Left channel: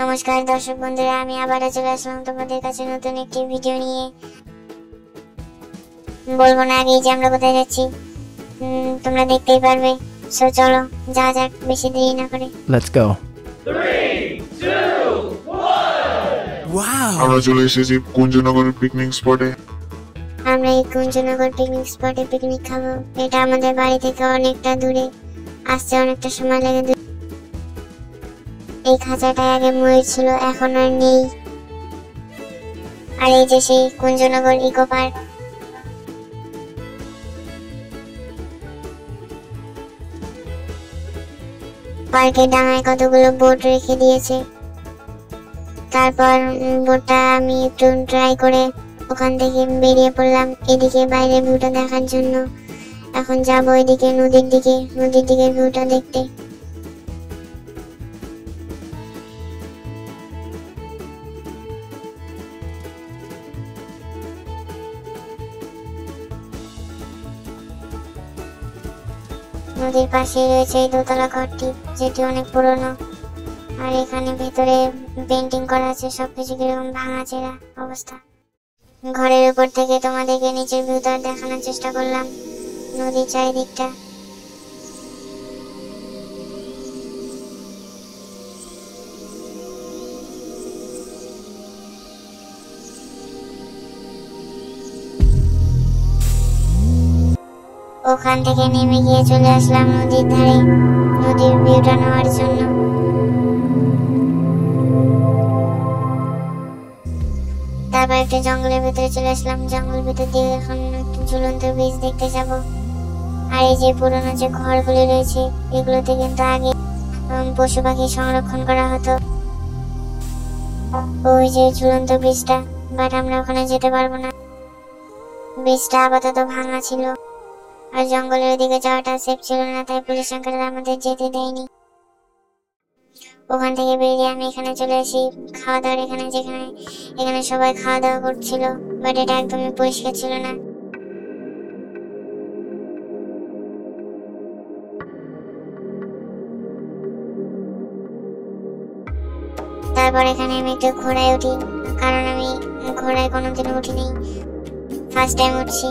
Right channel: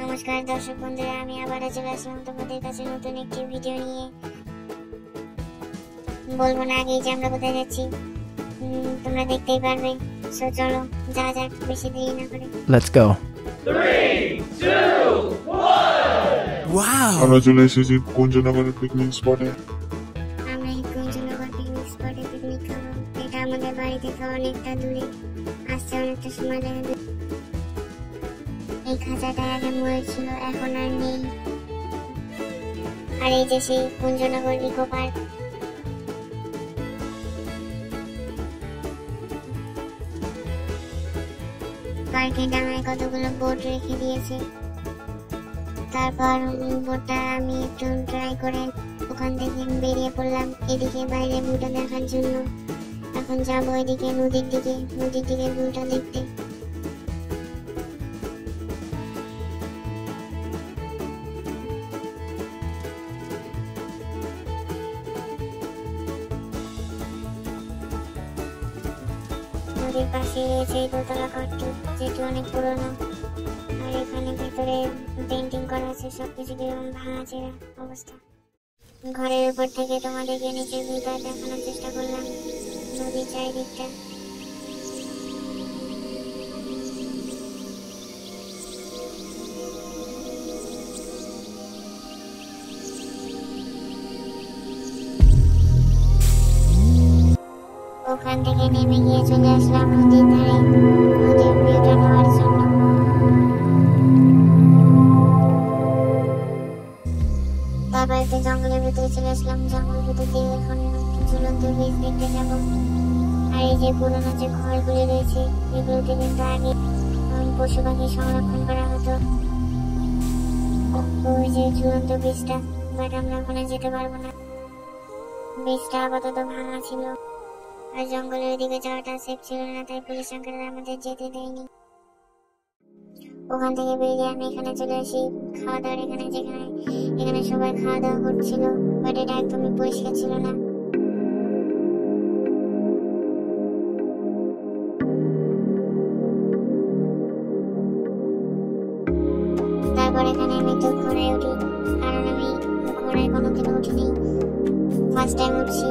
নমস্কার দর্শক বন্ধুরা, আমি আবারও চলে আসলাম তোমাদের কাছে নতুন একটি ভিডিও নিয়ে। বলবো না আগেই যে আমরা কোথায় যাচ্ছি, তোমরা দেখতেই পারবে। সো চলো যা যাক, বেশি দেরি না করে। Let's go. 3, 2, 1. Wow. আমরা চলে এসেছি কুঞ্জনগরের পিকনিক স্পটে। আমরা এই কুঞ্জনগর পিকনিক স্পটে পিকনিক খাবো। এটা আমাদের বাড়ি থেকে অনেকটা দূরে, আসতে অনেকটা সময় লাগে। এই খাঁচাটা আগে ময়ূর ছিল, এখন আর নেই। আর এই যে সেই কুঞ্জনগর ইকো পার্ক। পার্কের ডাঙায় কতগুলো বোট রেখে দিয়েছে। তারপর বোটটা আমি একটু ট্রাই করে ওখান থেকে বেরিয়ে পড়লাম এদিকে বাইরের ভিউটা দেখার জন্য। এখন যাবো এদিকে নদীর দিকে ভিউটা দেখতে। নদীর পাশে রয়েছে এই দোতলা ঘরটি, যেটি অনেক পুরনো। আর এখানে ভেতরে পেন্টিং করা আছে, সবকিছু কিরকম ভাঙাচেরা অবস্থা। ঘরের উপর থেকে তোমাদেরকে নিচের ভিউটা দেখানোর চেষ্টা করলাম, নদীর চারিদিকটা। ওখান থেকে নেমে গিয়ে চলে আসলাম নদীর ধারে, নদীর ভিউটা নেওয়ার জন্য। তারপর একটা জঙ্গলের ভেতরে চলে আসলাম। জঙ্গলের ভেতর দিয়ে এখন ঝুলন্ত ব্রিজ দেখতে যাব। আর এই যে পুরনো যে ঘরগুলো রয়েছে, এগুলোতে কিন্তু আগে পশু পাখি সংরক্ষণ করা হতো। ওই যে ঝুলন্ত ব্রিজটা, বাট আমরা ওখানে যেতে পারবো না, ব্রিজটা আপাতত ভাঙা ছিল। আর জঙ্গলের ওদিকে যাওয়াটা সেফ ছিল না, তাই পুলিশ আঙ্কেল আমাদের যেতে দেয়নি। ওখান থেকে বেরিয়ে আমি এখানে চলে আসি খাওয়া দাওয়ার এখানে সবাই খাওয়া দাওয়া করছিল, বাট এটা একদমই পরিষ্কার ছিল না। তারপর এখানে আমি একটু ঘোড়ায় উঠি, কারণ আমি ঘোড়ায় কোনোদিন উঠিনি, ফার্স্ট টাইম উঠছি।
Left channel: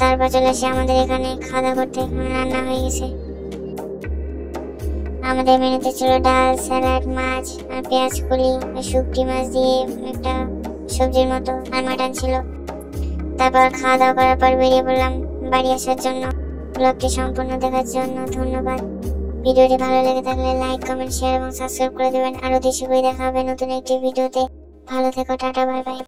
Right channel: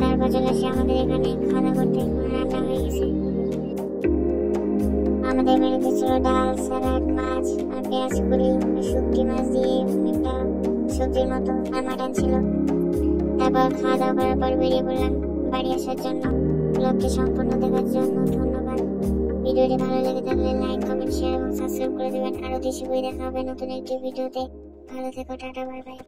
তারপর চলে এসে আমাদের এখানে খাওয়া দাওয়া করতে, রান্না হয়ে গেছে। আমাদের মেনুতে ছিল ডাল, স্যালাড, মাছ আর পেঁয়াজ কলি, শুটকি মাছ দিয়ে একটা সবজির মতো, আর মাটন ছিল। তারপর খাওয়া দাওয়া করার পর বেরিয়ে পড়লাম বাড়ি আসার জন্য। ব্লগটি সম্পূর্ণ দেখার জন্য ধন্যবাদ। ভিডিওটি ভালো লেগে থাকলে লাইক, কমেন্ট, শেয়ার এবং সাবস্ক্রাইব করে দেবেন। আরো দেশে বই দেখা হবে নতুন একটি ভিডিওতে। ভালো থেকো, টাটা, বাই বাই।